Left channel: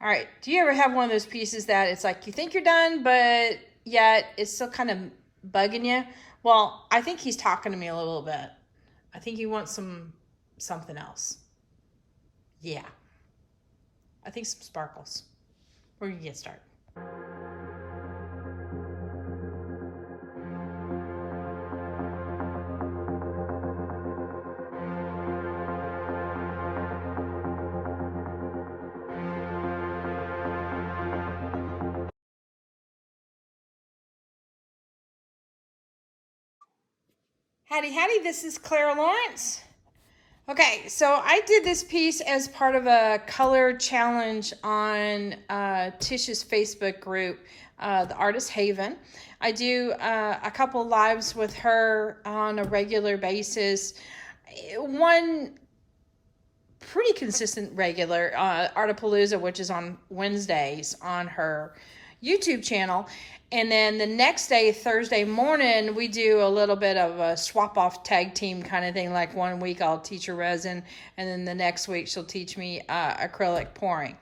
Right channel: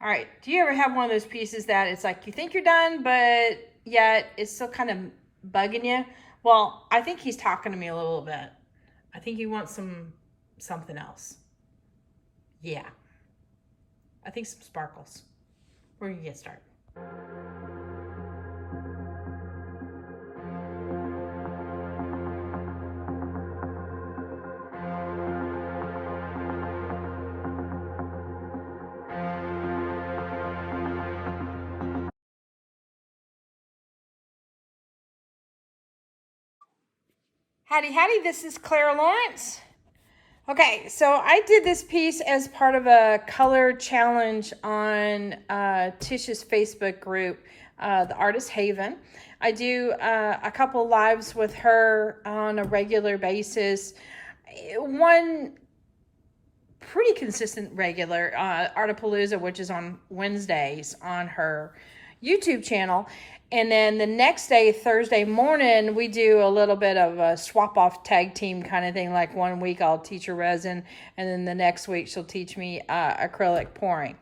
All right, do you ever have one of those pieces that it's like you think you're done, but yet it's still kind of bugging you? Well, I think he's talking to me a little bit. I think he wants something else. Yeah, I think some sparkles. We're gonna get started. Howdy, howdy, this is Clara Lawrence. Okay, so I did this piece as part of a color challenge on Tish's Facebook group, the Artist Haven. I do a couple lives with her on a regular basis. One pretty consistent regular, Artapalooza, which is on Wednesdays on her YouTube channel. And then the next day, Thursday morning, we do a little bit of a swap off tag team kind of thing. Like 1 week I'll teach her resin, and then the next week she'll teach me acrylic pouring.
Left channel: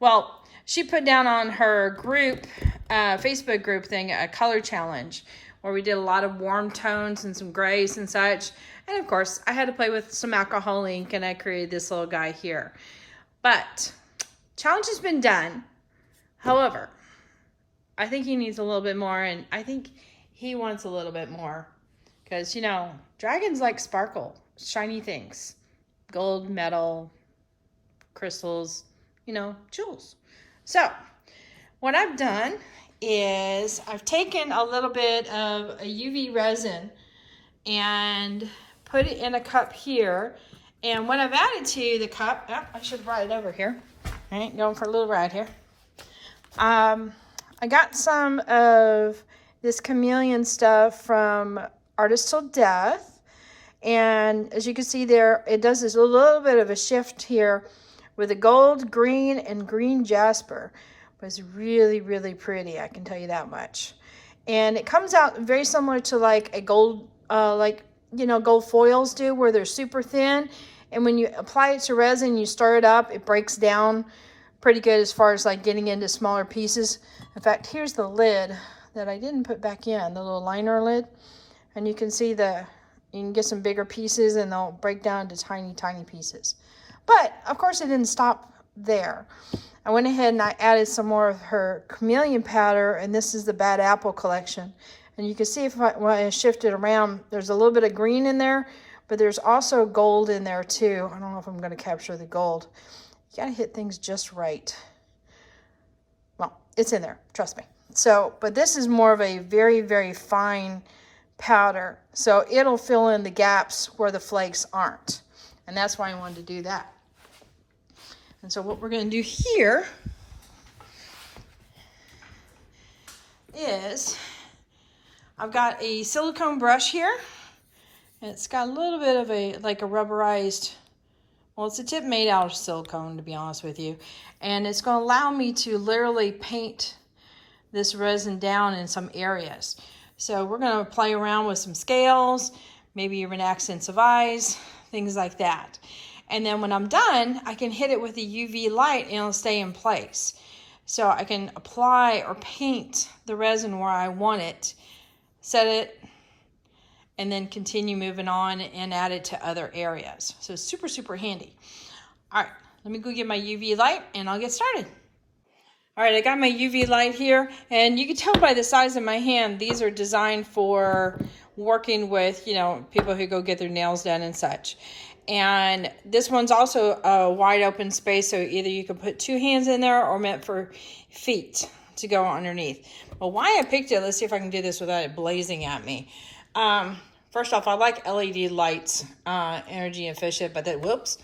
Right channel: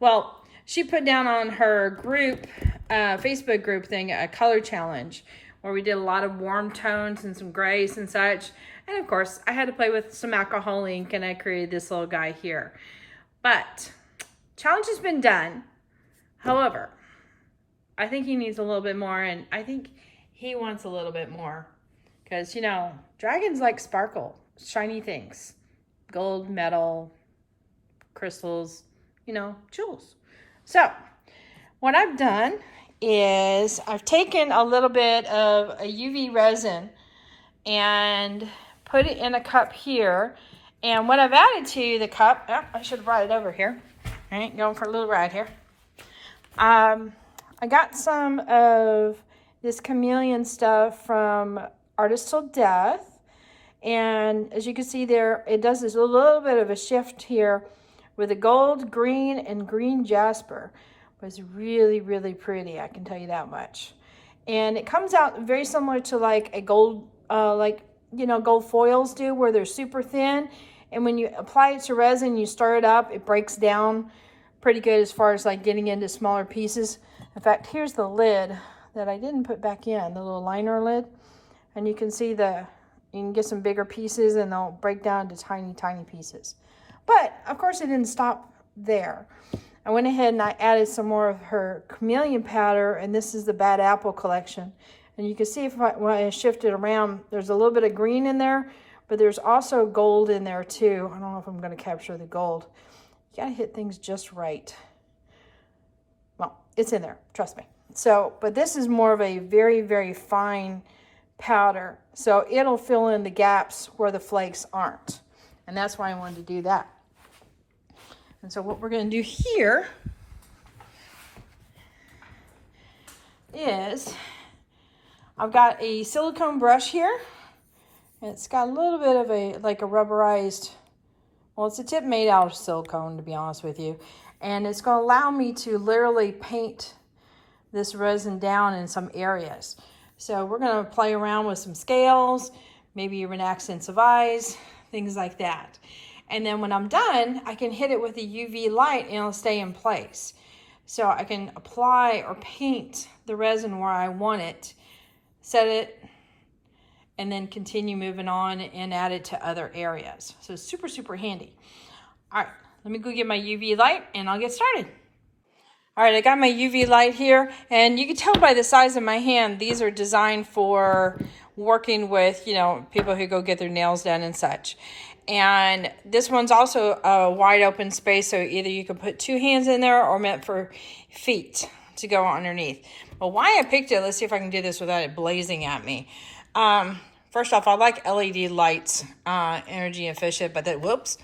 Well, she put down on her group, Facebook group thing, a color challenge where we did a lot of warm tones and some grays and such. And of course, I had to play with some alcohol ink, and I created this little guy here. But challenge has been done. However, I think he needs a little bit more, and I think he wants a little bit more. Because, you know, dragons like sparkle, shiny things. Gold, metal, crystals, you know, jewels. So, what I've done is I've taken a little bit of a UV resin and put it in a cup here. And what I've added to the cup, I should write it over here. All right, going for a little ride here. I got some of this chameleon stuff from Artist Till Death. And as you can see there, it does this a little bit of a shift here with a gold, green, and green jasper. But it's really, really pretty, I can tell you that much. And it comes out very similar to like a gold, gold foils do, where they're super thin. And when you apply it to resin, you stir it up, it breaks down pretty good as far as like getting into smaller pieces. In fact, here's the lid that I didn't put back in, the little liner lid. And you can see you can get some bigger pieces and they'll break down to tiny, tiny pieces. But of course it didn't stop there. I went ahead and I added some more of her chameleon powder, and this is the Bad Apple collection. And you can see when I shift it around, there's a little bit of green in there, but there's also gold in there too. I don't know if I'm going to capture the gold. You got to hit things just right. Well, it's in there, trust me. So, but this is more of a very, very fine powder. So it'll fill in the gaps where the flakes aren't. And that's why I wanted to do that. And so what we're going to do here is I've got a silicone brush here. And it's got a little bit of a rubberized, well, it's a tip made out of silicone, to be honest with you. And it's going to allow me to literally paint this resin down in some areas. So we're going to play around with some scales, maybe even accents of eyes, things like that. And then when I'm done, I can hit it with a UV light and it'll stay in place. So I can apply or paint the resin where I want it, set it, and then continue moving on and add it to other areas. So super, super handy. All right, let me go get my UV light and I'll get started. All right, I got my UV light here, and you can tell by the size of my hand, these are designed for working with, people who go get their nails done and such. And this one's also a wide open space, so either you can put 2 hands in there or meant for feet to go underneath. But why I picked it, let's see if I can do this without it blazing at me. First off, I like LED lights, energy efficient, but whoops.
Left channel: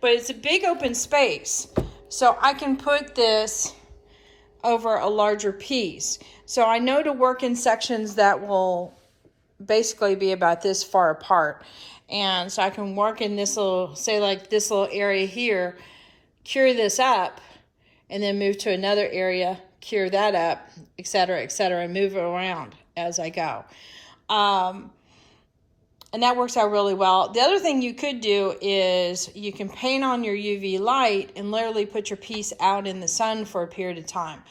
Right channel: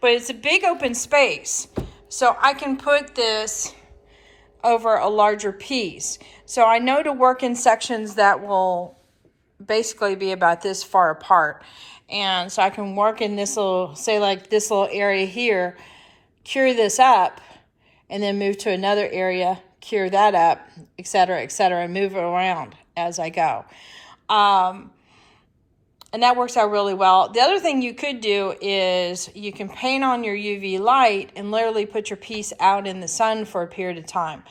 But it's a big open space. So I can put this over a larger piece. So I know to work in sections that will basically be about this far apart. And so I can work in this little, say like this little area here, cure this up, and then move to another area, cure that up, etc., and move it around as I go. And And that works out really well. The other thing you could do is you can paint on your UV light and literally put your piece out in the sun for a period of time.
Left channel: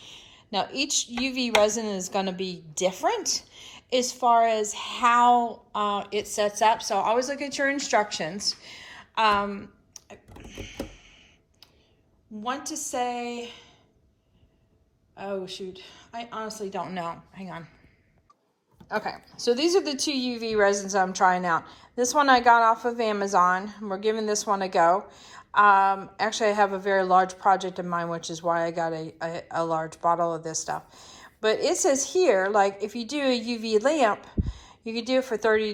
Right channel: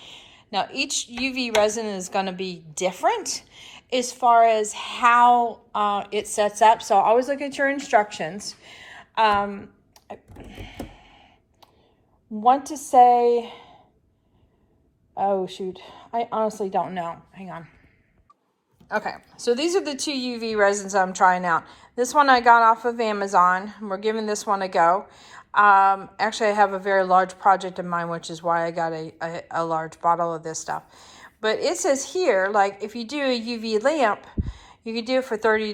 Now, each UV resin is going to be different as far as how it sets up. So always look at your instructions. I want to say, oh shoot, I honestly don't know. Hang on. Okay, so these are the 2 UV resins I'm trying out. This one I got off of Amazon. We're giving this one a go. Actually, I have a very large project in mind, which is why I got a large bottle of this stuff. But it says here, like if you do a UV lamp, you can do it for 30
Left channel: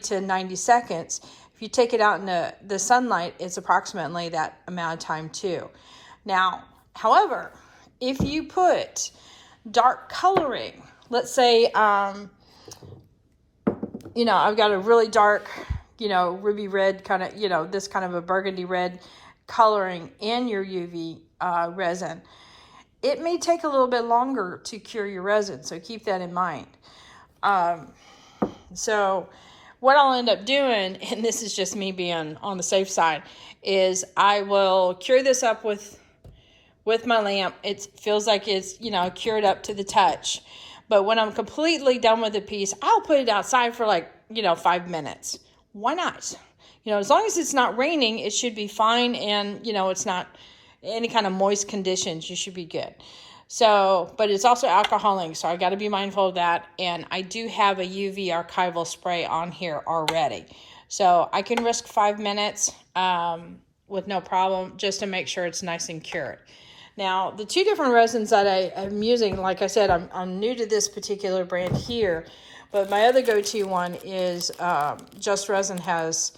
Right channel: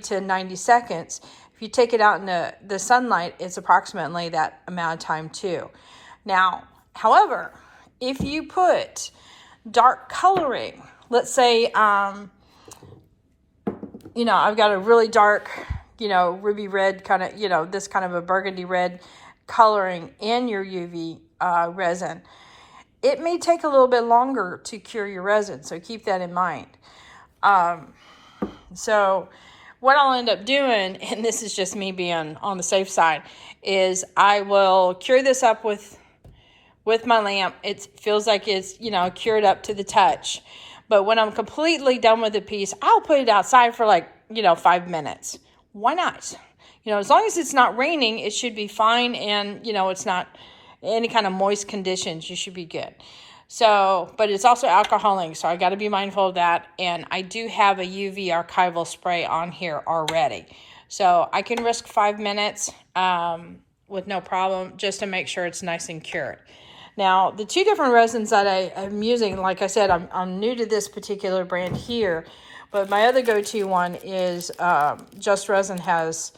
to 90 seconds. If you take it out in the sunlight, it's approximately that amount of time too. Now, however, if you put dark coloring, let's say, you know, I've got a really dark, you know, ruby red kind of, you know, this kind of a burgundy red coloring in your UV resin. It may take a little bit longer to cure your resin, so keep that in mind. So what I'll end up doing, and this is just me being on the safe side, is I will cure this up with my lamp. It feels like it's, you know, cured up to the touch. But when I'm completely done with the piece, I'll put it outside for like, you know, 5 minutes. Why not? You know, as long as it's not raining, it should be fine. And, you know, it's not any kind of moist conditions, you should be good. So, but it's also alcoholing, so I got to be mindful of that. And I do have a UV archival spray on here already. So I can risk 5 minutes with no problem, just to make sure it's nice and cured. Now, the 2 different resins that I'm using, like I said, I'm new to this particular brand here, but my other go-to one is Just Resin has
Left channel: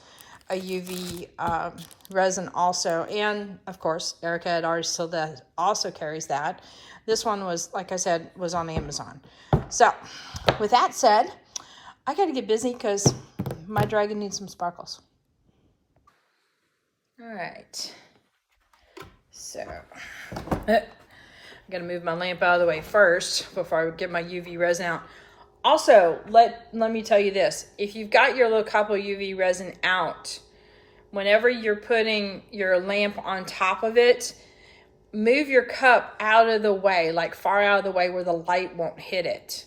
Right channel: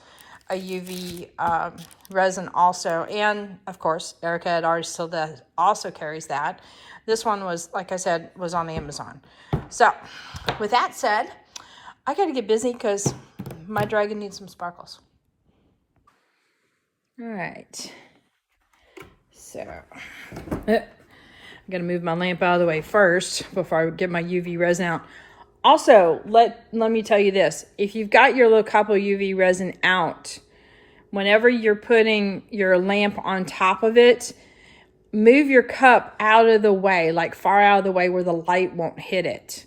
a UV resin also, and of course, Erica at Artist Tilda also carries that. This one was, like I said, was on Amazon. So, with that said, I got to get busy because my dragon needs some sparkles. All right. So, I got to move my lamp out of the way first before I get my UV resin out. Also, let me tell you this. If you've got your little couple UV resin out, whenever you're putting your lamp on top of it, move your cup out of the way, like far out of the way where the light won't hit it.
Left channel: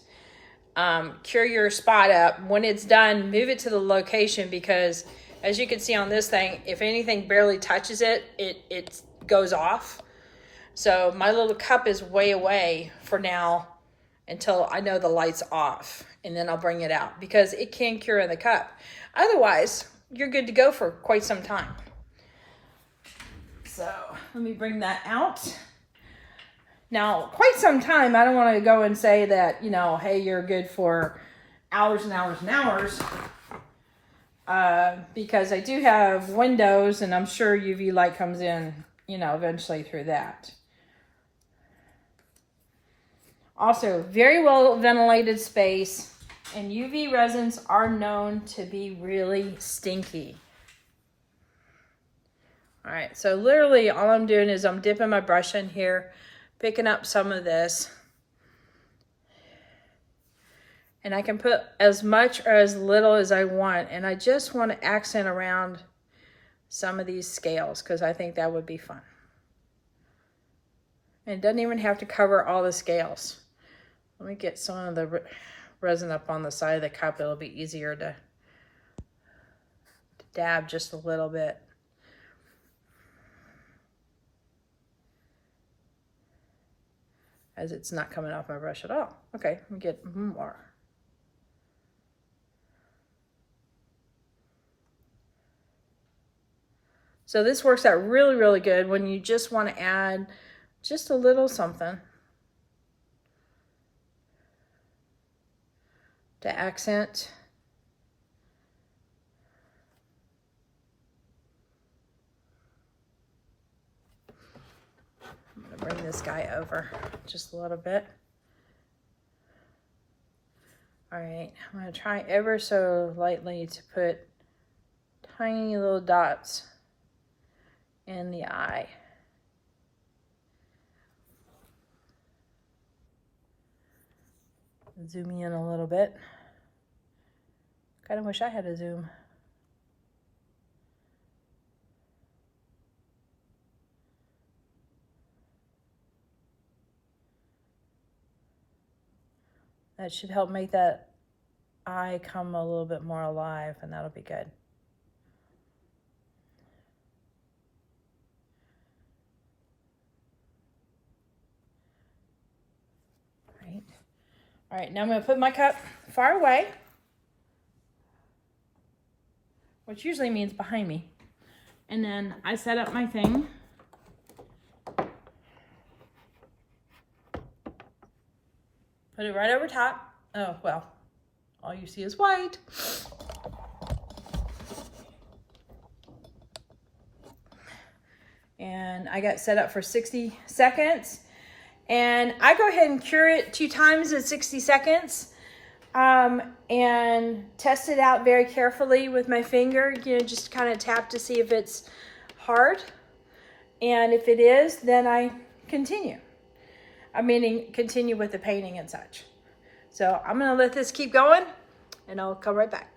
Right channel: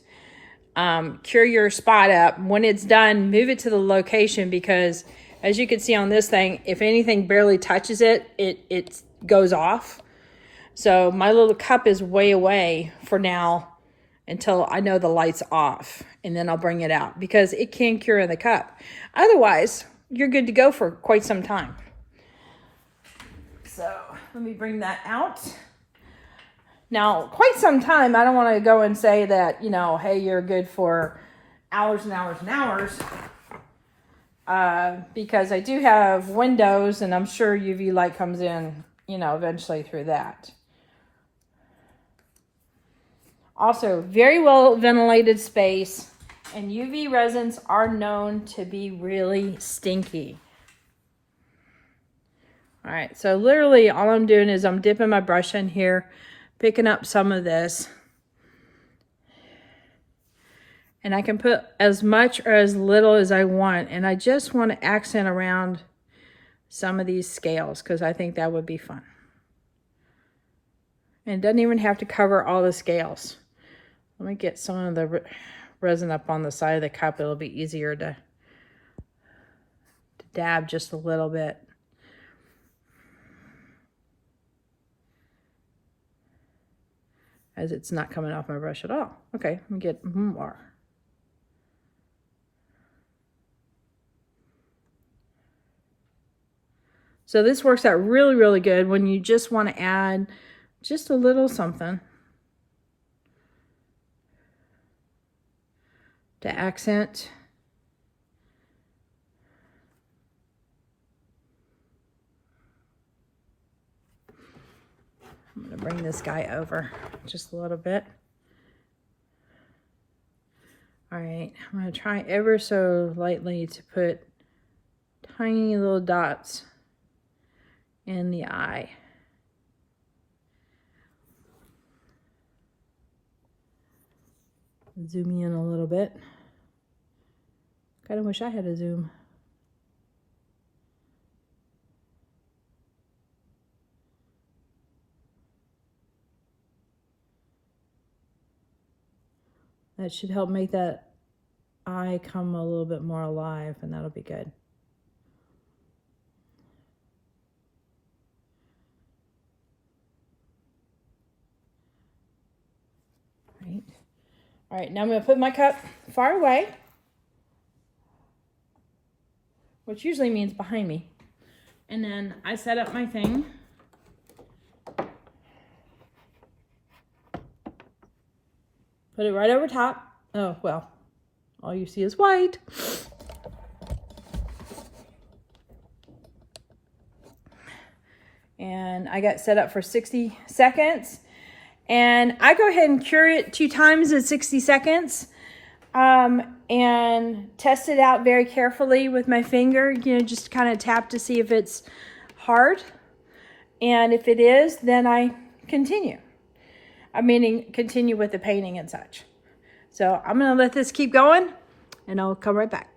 Cure your spot up. When it's done, move it to the location, because as you can see on this thing, if anything barely touches it, it goes off. So my little cup is way away for now until I know the light's off, and then I'll bring it out because it can cure in the cup. Otherwise, you're good to go for quite some time. So let me bring that out. Now, quite some time, I don't want to go and say that, you know, hey, you're good for hours and hours and hours, because I do have windows, and I'm sure UV light comes in, you know, eventually through that. Also, very well ventilated space, and UV resins are known to be really stinky. All right, so literally all I'm doing is I'm dipping my brush in here, picking up some of this, and I can put as much or as little as I want, and I just want to accent around some of these scales because I think that would be fun. And it doesn't even have to cover all the scales. Let me get some of the resin up on the side of the cup. It'll be easier to dab just a little bit. As it's not coming off my brush at all. Okay, let me get more. So this works out really, really good when you just want to add just a little something to accent. I'm going to bring this guy over just a little bit. All right, I'm going to try ever so lightly to put tiny little dots in the eye. Zoom in a little bit. Kind of wish I had a zoom. That should help make that eye come a little bit more alive, and that'll be good. Right. All right, now I'm gonna put my cup far away, which usually means behind me. And then I set up my thing. Put it right over top. Oh, well, all you see is white. And I got set up for 60 seconds. And I go ahead and cure it 2 times in 60 seconds. And test it out very carefully with my finger. You know, just kind of tap to see if it's hard. And if it is, then I continue. I mean, continue with the painting and such. So I'm gonna let this keep going and I'll come right back.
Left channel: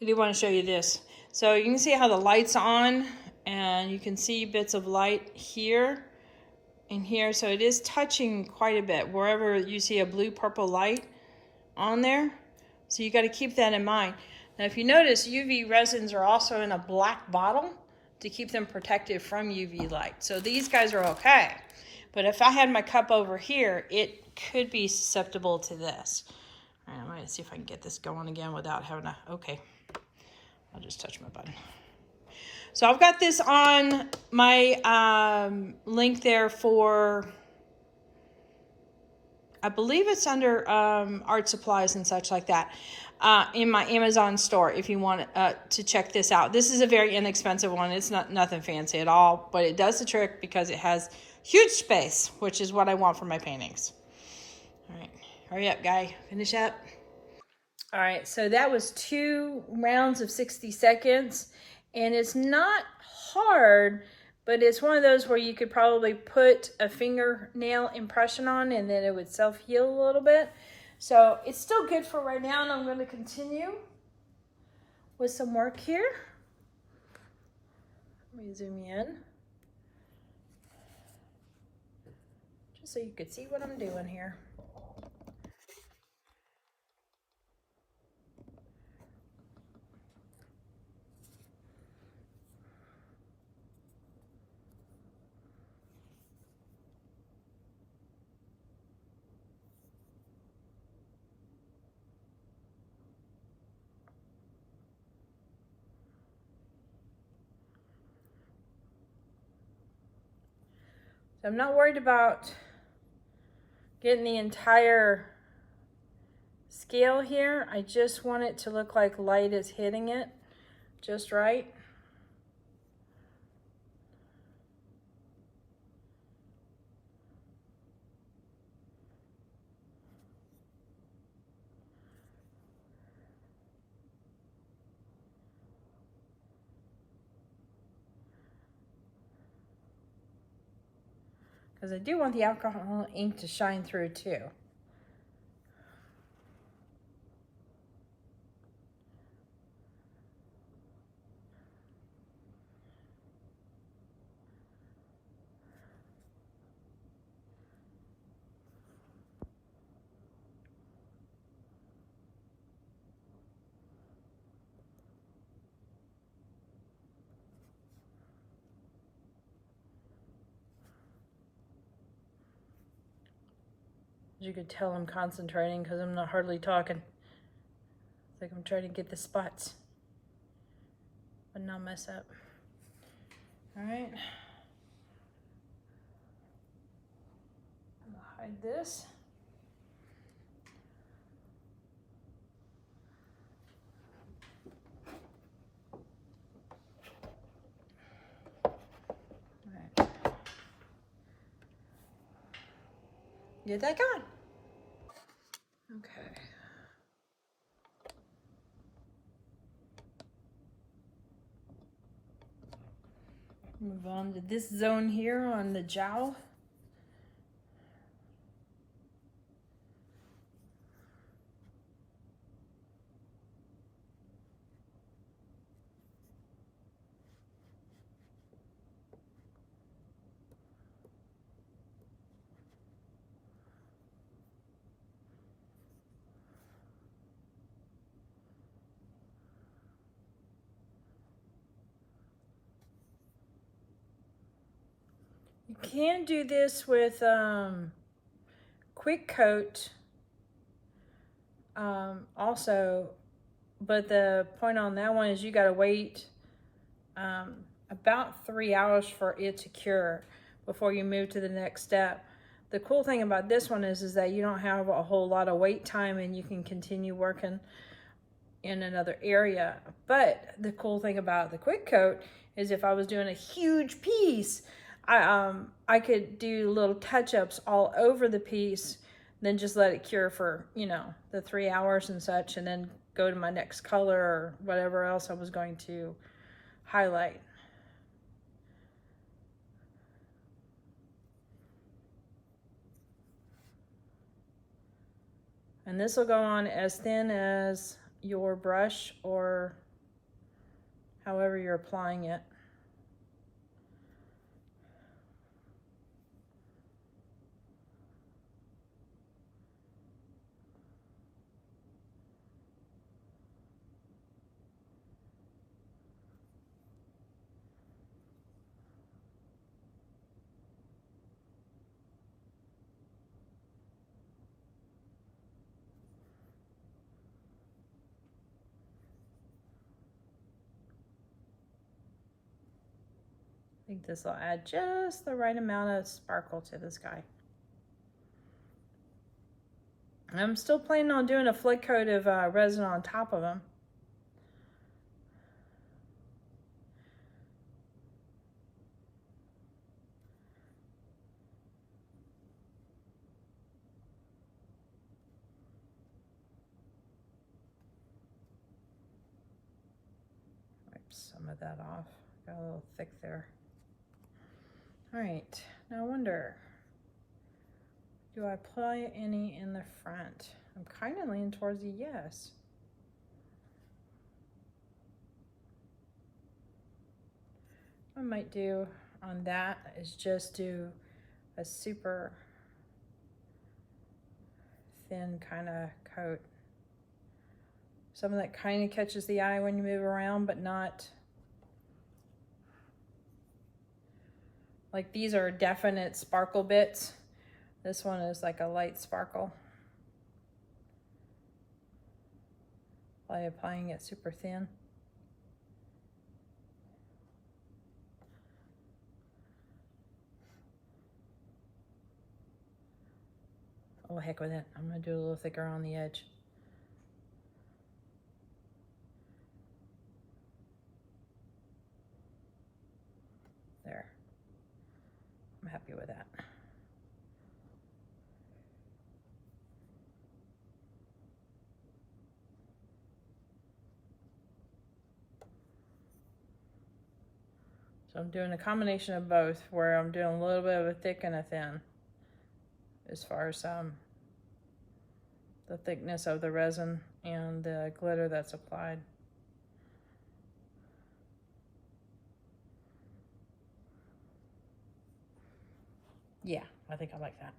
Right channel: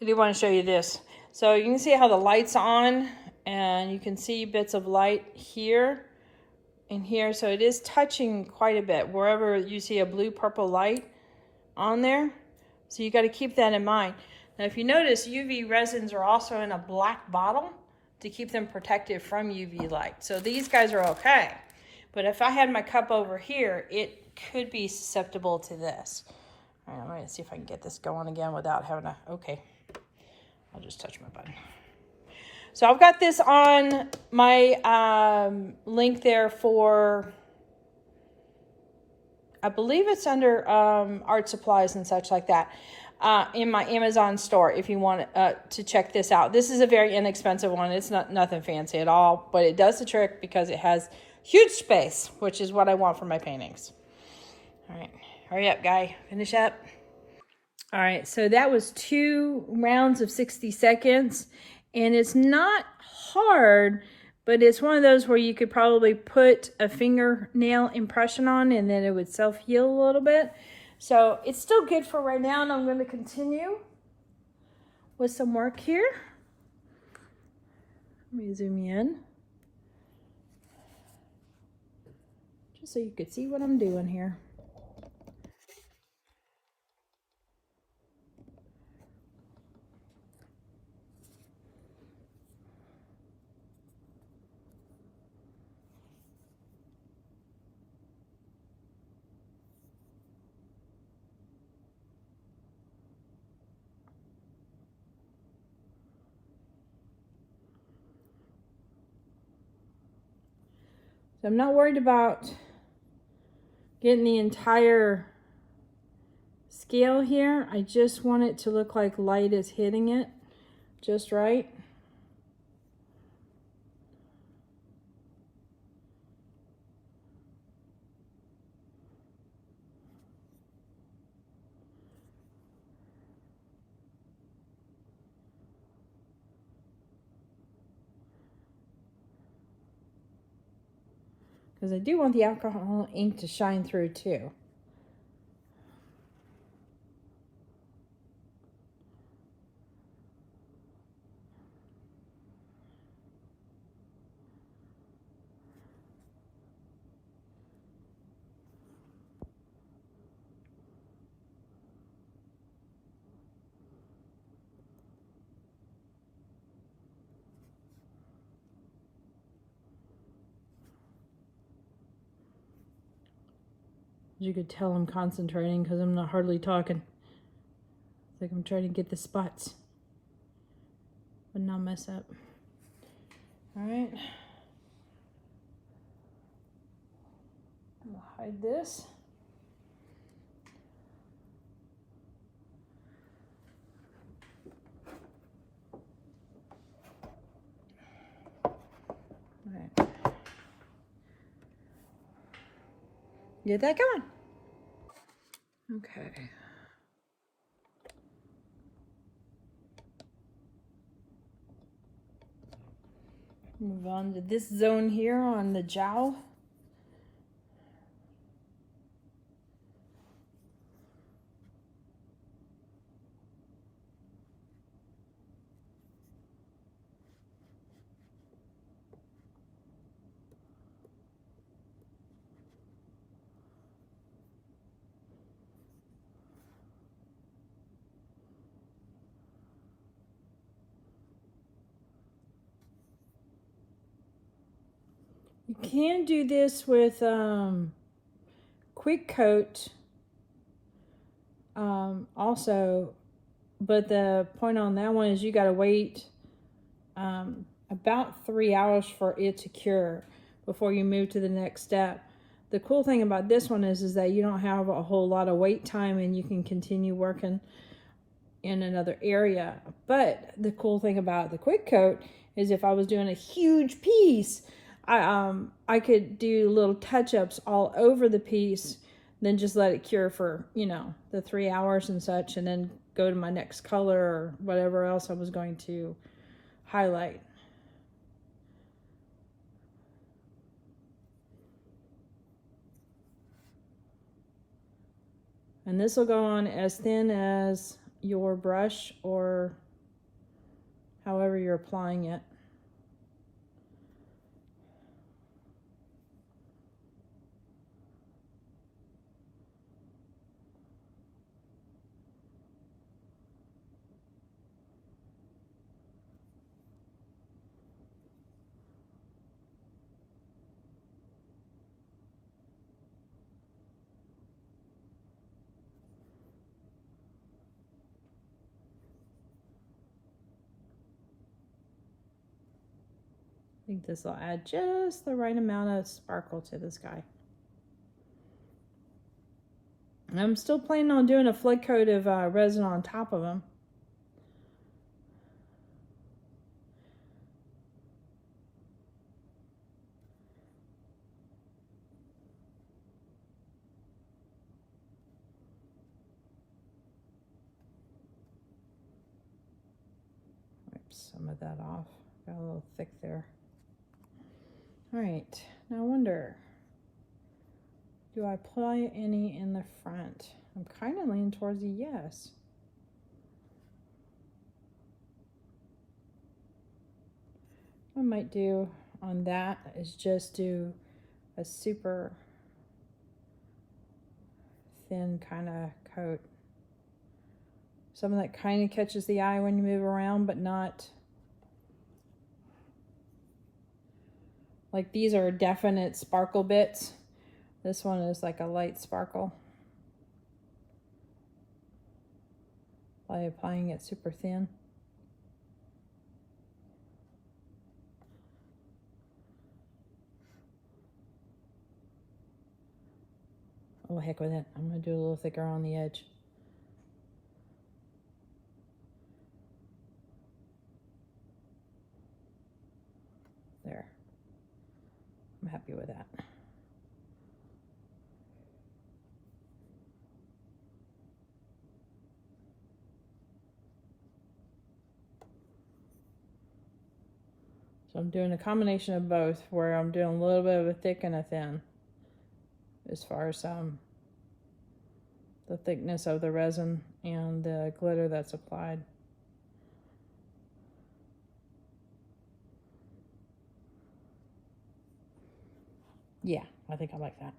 I do want to show you this. So you can see how the light's on and you can see bits of light here and here. So it is touching quite a bit wherever you see a blue purple light on there. So you got to keep that in mind. Now if you notice, UV resins are also in a black bottle to keep them protected from UV light. So these guys are okay. But if I had my cup over here, it could be susceptible to this. All right, I'm gonna see if I can get this going again without having to, okay. I'll just touch my button. So I've got this on my link there for, I believe it's under art supplies and such like that, in my Amazon store if you want to check this out. This is a very inexpensive one. It's nothing fancy at all, but it does the trick because it has huge space, which is what I want for my paintings. All right, hurry up, guy. Finish up. All right, so that was 2 rounds of 60 seconds, and it's not hard, but it's one of those where you could probably put a fingernail impression on and then it would self-heal a little bit. So it's still good for right now, and I'm going to continue with some work here. Let me zoom in, just so you could see what I'm doing here. So I'm not worried about getting the entire scale here. I just want it to look like light is hitting it just right. Because I do want the alcohol ink to shine through too. As you could tell, I'm concentrating because I'm not hardly talking. It's like I'm trying to get the spots but not mess up. All right. I'll hide this. All right. Get that going. Okay. Move on to this zone here on the jowl. You can do this with quick coat also, but the point on that one is you got to wait about 3 hours for it to cure before you move to the next step. The cool thing about this one is that you don't have a whole lot of wait time and you can continue working in another area. But the cool thing about the quick coat is if I was doing a huge piece, I could do little touch-ups all over the piece, then just let it cure for, you know, the 3 hours and such, and then go to my next color or whatever else I was going to highlight. And this will go on as thin as your brush or however you're applying it. I think this will add just the right amount of sparkle to this guy. And I'm still planning on doing a flick coat of resin on top of them. Wipe some of that off. Got a little thick there. All right, now I wonder, do I apply any in the front? I'm kind of leaning towards a yes. What I might do on that is just do a super thin kind of coat. Something that kind of catches the eye when you move around, but not like these are definite sparkle bits. This one is like a light sparkle. While applying it super thin. Oh, heck with it. I'm gonna do a little thicker on the edge. There. I'm happy with that. So I'm doing a combination of both, where I'm doing a little bit of a thick and a thin as far as the thickness of the resin and the glitter that's applied. Yeah, I think I like that.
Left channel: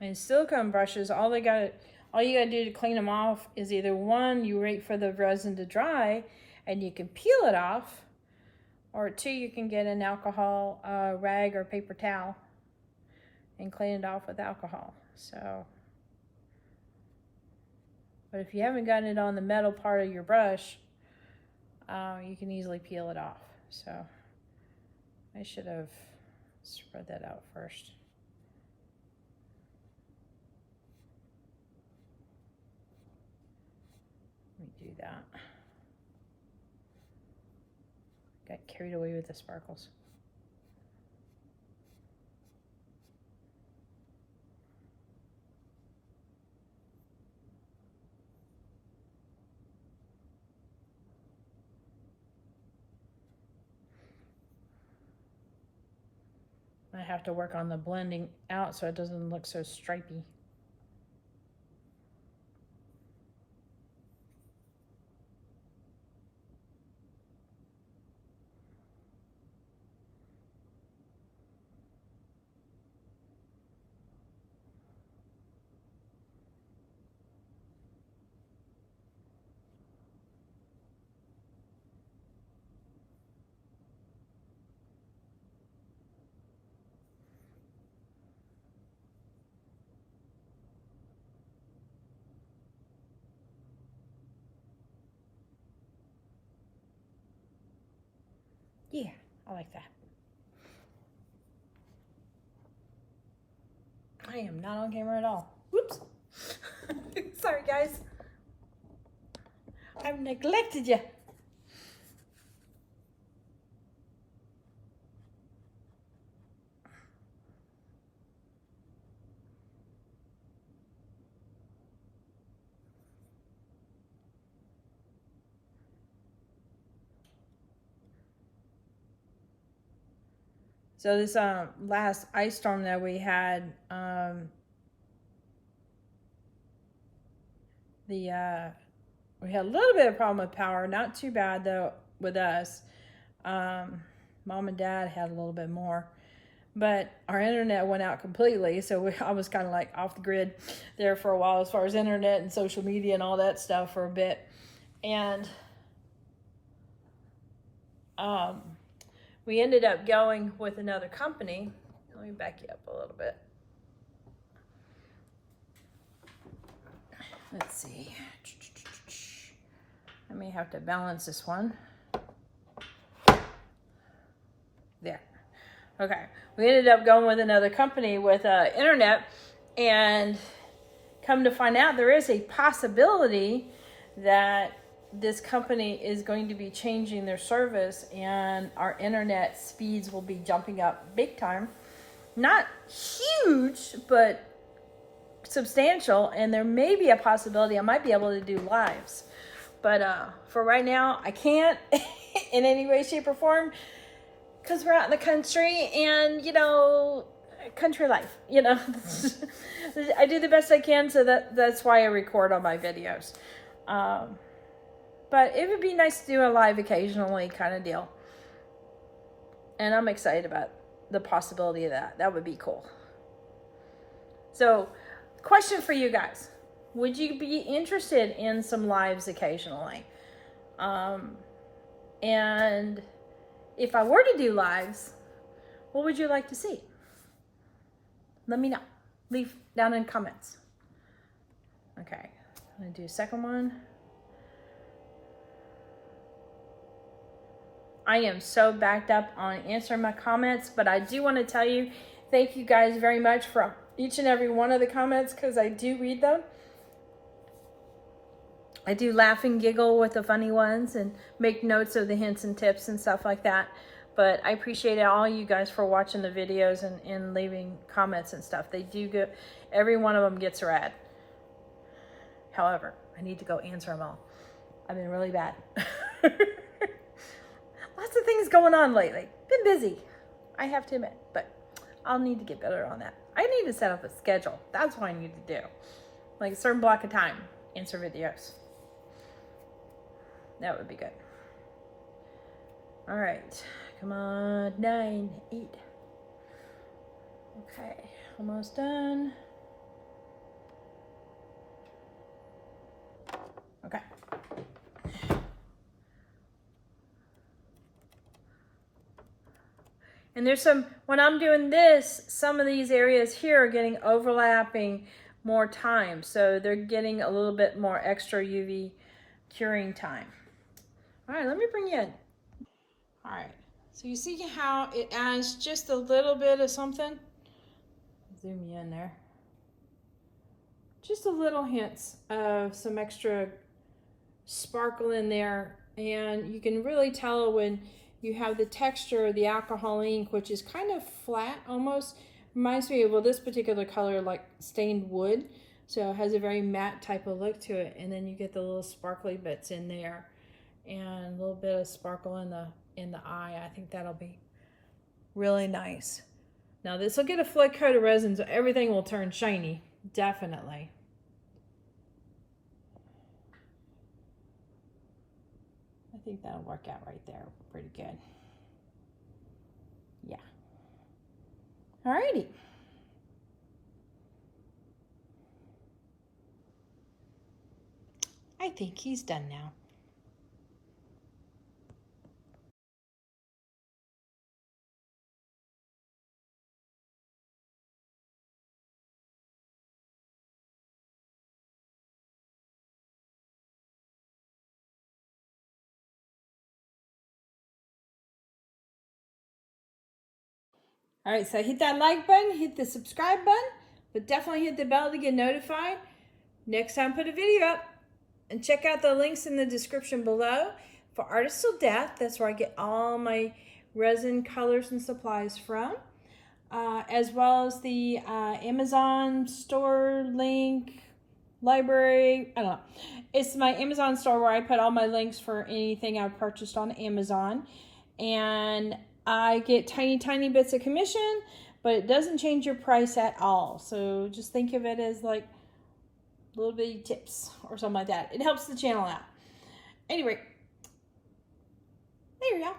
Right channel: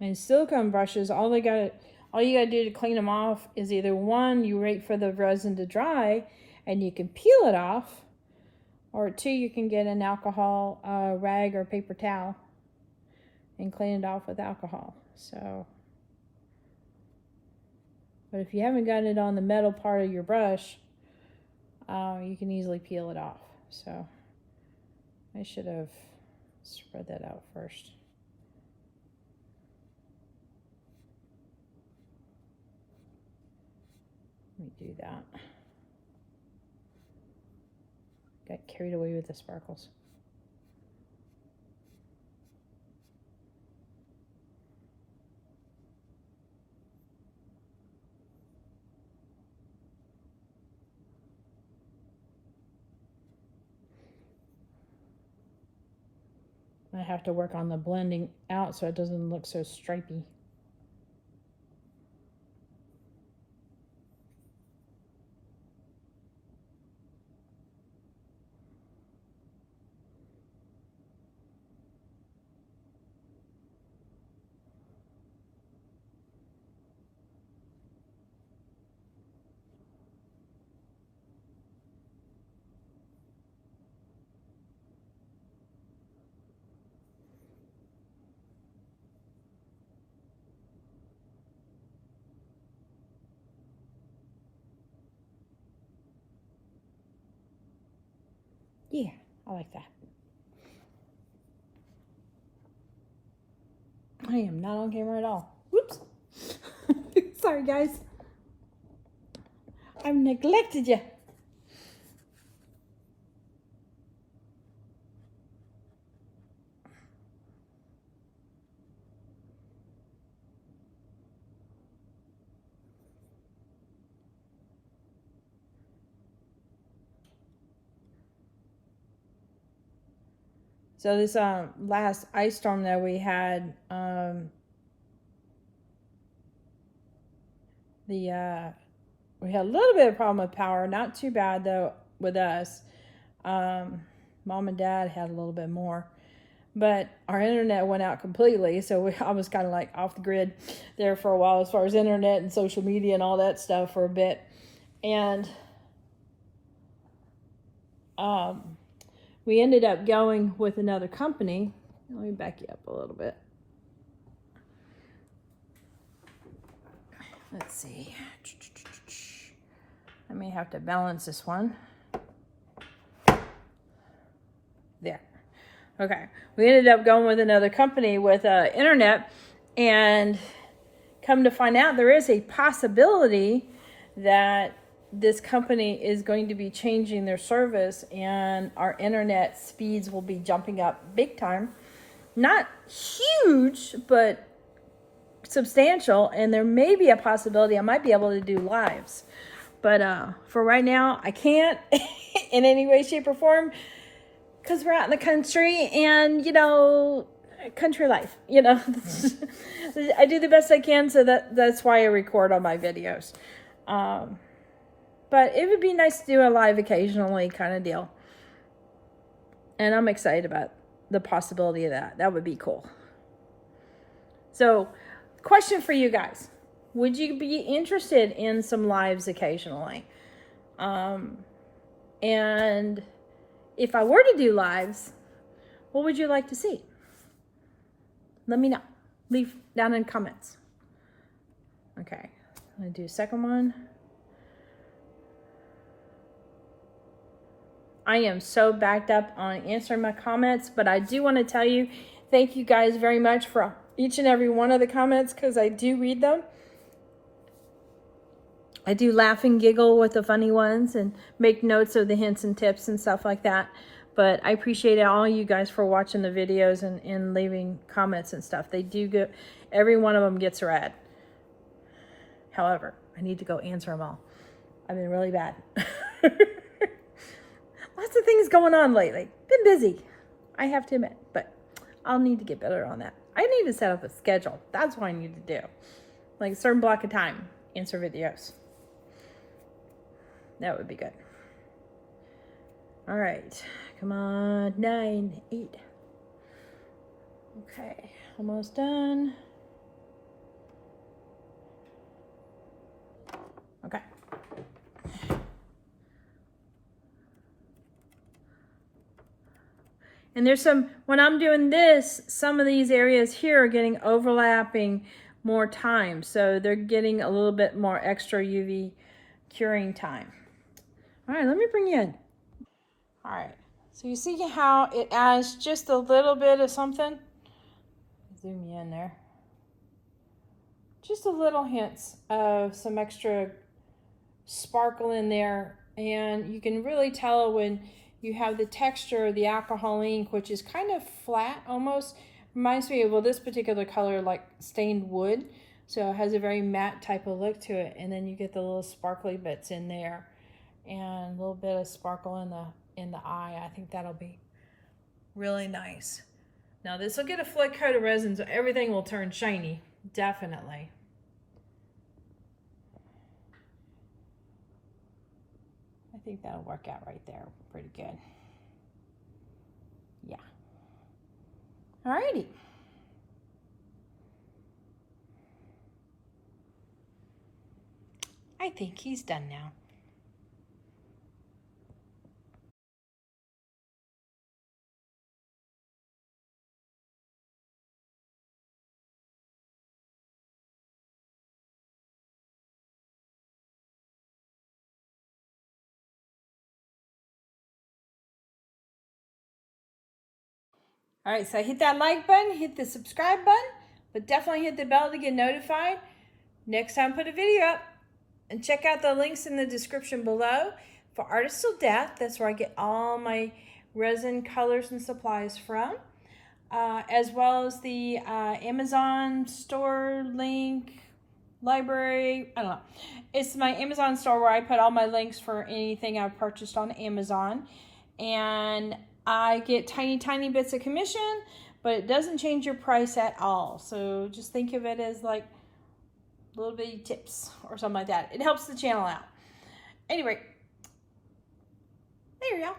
And silicone brushes, all you gotta do to clean them off is either one, you wait for the resin to dry and you can peel it off, or two, you can get an alcohol rag or paper towel and clean it off with alcohol. So, but if you haven't gotten it on the metal part of your brush, you can easily peel it off. So I should have spread that out first. Let me do that. Got carried away with the sparkles. I have to work on the blending out so it doesn't look so stripy. Yeah, I like that. I am not on camera at all. Whoops. Sorry, guys. I've neglected you. So this last ice storm that we had, we had a little bit of problem with power. Not too bad though with us. Mom and Dad had a little bit more, but our internet went out completely. So I was kind of like off the grid there for a while as far as internet and social media and all that stuff for a bit. And we ended up going with another company. Let me back you up a little bit. Let's see. I may have to balance this one. There. Okay. We ended up going with another company with internet, and come to find out there is a possibility that this company is going to be changing their service and our internet speeds will be jumping up big time. Not huge, but substantial, and there may be a possibility I might be able to do lives. But for right now, I can't in any way, shape, or form because we're out in the country and, you know, country life, you know. I do the best I can, so that's why I record all my videos. But it would be nice to do a live occasionally kind of deal. And I'm excited about the possibility of that. That would be cool. So, question for you guys. Would you be interested in some lives occasionally? And if I were to do lives, what would you like to see? Let me know. Leave down in comments. Okay, I'm gonna do a second one. I am so backed up on answering my comments, but I do want to tell you, thank you guys very much for each and every one of the comments, because I do read them. I do laugh and giggle with the funny ones and make notes of the hints and tips and stuff like that. But I appreciate all you guys for watching the videos and leaving comments and stuff. They do get, every one of them gets read. However, I need to go answer them all. I've been really bad. Lots of things going on lately. Been busy, I have to admit, but I'll need to get better on that. I need to set up a schedule. That's what I need to do. Like a certain block of time, answer videos. That would be good. All right, come on, 9, 8. Okay, almost done. Okay. And there's some, when I'm doing this, some of these areas here are getting overlapping more time. So they're getting a little bit more extra UV curing time. All right, let me bring you in. All right, so you see how it adds just a little bit of something? Zoom you in there. Just a little hints of some extra sparkle in there. And you can really tell when you have the texture of the alcohol ink, which is kind of flat almost. Reminds me of, well, this particular color like stained wood. So it has a very matte type of look to it. And then you get the little sparkly bits in there. And a little bit of sparkle in the eye. I think that'll be really nice. Now this will get a flick coat of resin, so everything will turn shiny, definitely. I think that'll work out right there pretty good. Yeah. Alrighty. I think he's done now. All right, so hit that like button, hit the subscribe button, but definitely hit the bell to get notified next time I put a video up. And check out the links in the description below for Artist Till Death. That's where I get all my resin colors and supplies from. As well as the Amazon store link, library, I don't know. It's my Amazon store where I put all my links for anything I've purchased on Amazon. And I get tiny bits of commission, but it doesn't change your price at all. So just think of it as like little bitty tips or something like that. It helps the channel out. Anyway, there you go.